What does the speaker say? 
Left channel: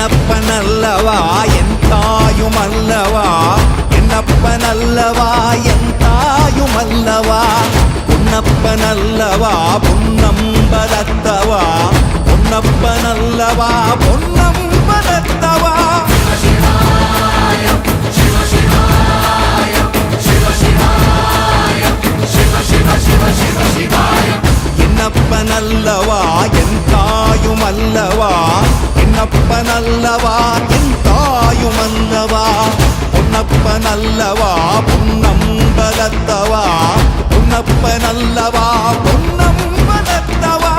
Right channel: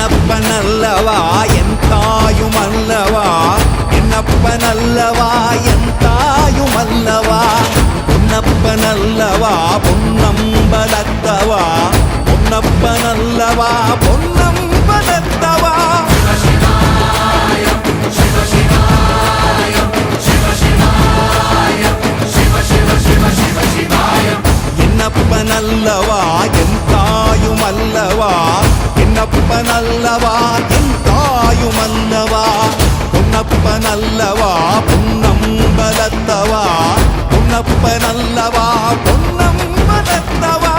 என்னப்பனல்லவா என் தாயுமல்லவா, என்னப்பனல்லவா என் தாயுமல்லவா, பொன்னப்பனல்லவா பொன்னம்பலத்தவா, பொன்னப்பனல்லவா பொன்னம்பலத்தவா. என்னப்பனல்லவா என் தாயுமல்லவா, என்னப்பனல்லவா என் தாயுமல்லவா, பொன்னப்பனல்லவா பொன்னம்பலத்தவா, பொன்னப்பனல்லவா பொன்னம்பலத்தவா.